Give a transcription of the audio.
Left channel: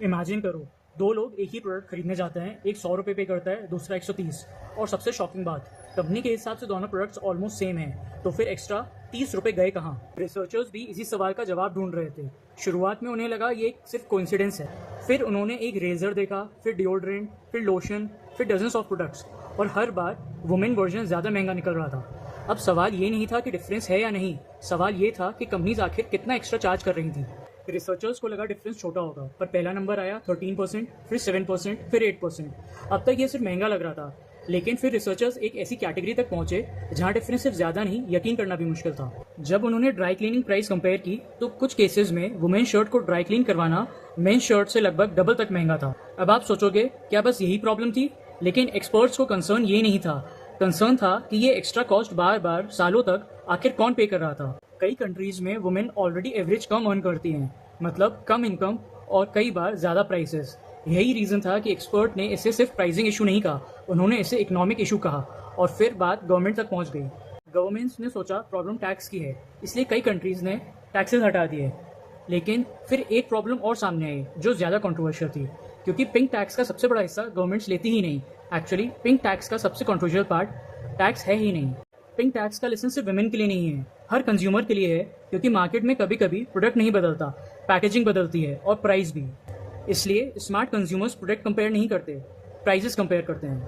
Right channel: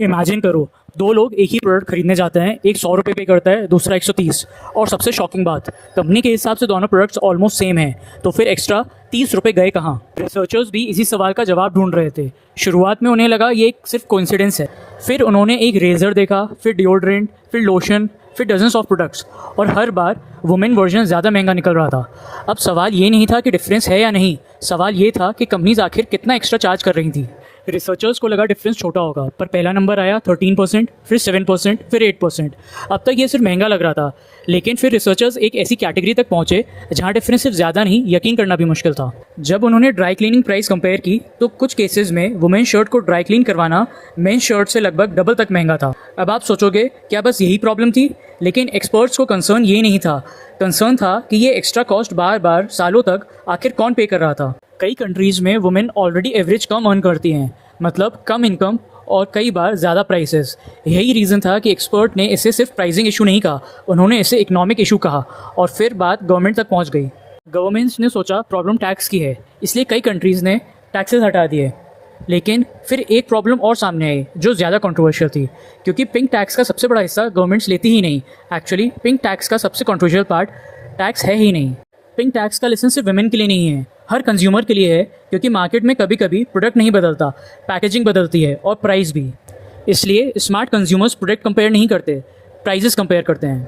Imagine करो, दो लोग एक ही प्रोडक्ट खरीदने जाते हैं, एक 100 रुपये पे करता है, दूसरा 130। और सबसे शॉकिंग बात, कंपनी के हिसाब से दोनों प्रोडक्ट्स ऑलमोस्ट सेम हैं, तो फिर एक्स्ट्रा 30 रुपये गए कहाँ? रिसर्चर्स भी इसी सवाल का जवाब ढूंढ रहे थे। शुरुआत में उन्हें लगा ये एक सिर्फ कोइंसिडेंस है, फिर उन्होंने एक रेजर देखा, फिर डिओड्रेंट, फिर लोशन, फिर डजन्स ऑफ प्रोडक्ट्स, और हर बार वुमेन वर्जन ज़्यादा महंगा निकल रहा था। अब सवाल ये नहीं था कि डिफरेंस है या नहीं, सवाल ये था कि कंपनीज आखिर कितना एक्स्ट्रा चार्ज कर रही थी। रिसर्चर्स को लगा डिफरेंस छोटा होगा, पर पहला नंबर आया 13%, फिर 7%, फिर 8%। अब तक ये सिर्फ महंगा लग रहा था, लेकिन फिर रिसर्चर्स एक ऐसी कैटेगरी तक पहुंचे जहां डिफरेंस सिर्फ ज़्यादा नहीं, यकीन करना भी मुश्किल था। जब उन्होंने ड्राई क्लीनिंग प्राइस कंपेयर की तो कुछ केसेस में वुमेन शर्ट को ड्राई क्लीन करवाना मेन शर्ट से लगभग डबल तक महंगा था। अब आप सोचोगे क्या बस यही प्रॉब्लम थी? लेकिन एक्सपर्ट्स को कंसर्न ये नहीं था, कंसर्न था कि ये एक्स्ट्रा कॉस्ट बार बार सालों तक आखिर कौन पे कर रहा था। कई कंट्रीज़ में वुमेन ऑलरेडी एवरेज कम अर्न करती हैं, मतलब कम इनकम और कई बार ज़्यादा प्राइसेस। यही रीज़न था कि एक्सपर्ट ने इसे सिर्फ प्राइसिंग इशू नहीं कहा, उन्होंने इसे इकोनॉमिक इशू कहा, और फिर बात गवर्नमेंट तक पहुंच गई। गवर्नमेंट्स ने सोचा प्रॉब्लम टैक्स की है, इसलिए कई कंट्रीज़ ने टैक्सेस हटा दिए। लेकिन फिर एक प्रॉब्लम और सामने आई जो ज़्यादा कंट्रोवर्शियल थी, क्योंकि पिंक टैक्स का सबसे बड़ा हिस्सा गवर्नमेंट्स लेती ही नहीं। एक्चुअली पिंक टैक्स का सबसे कंट्रोवर्शियल पार्ट टैक्स है ही नहीं। पिंक टैक्स का लेसन सिर्फ वुमेन के लिए नहीं है, हर कंज्यूमर के लिए है, क्योंकि मार्केट में कभी कभी प्रोडक्ट नहीं बदलता, पैकेजिंग बदलती है और प्राइस भी। इसलिए स्मार्ट कंज्यूमर्स प्रोडक्ट कंपेयर नहीं करते, प्राइजेस कंपेयर करते हैं।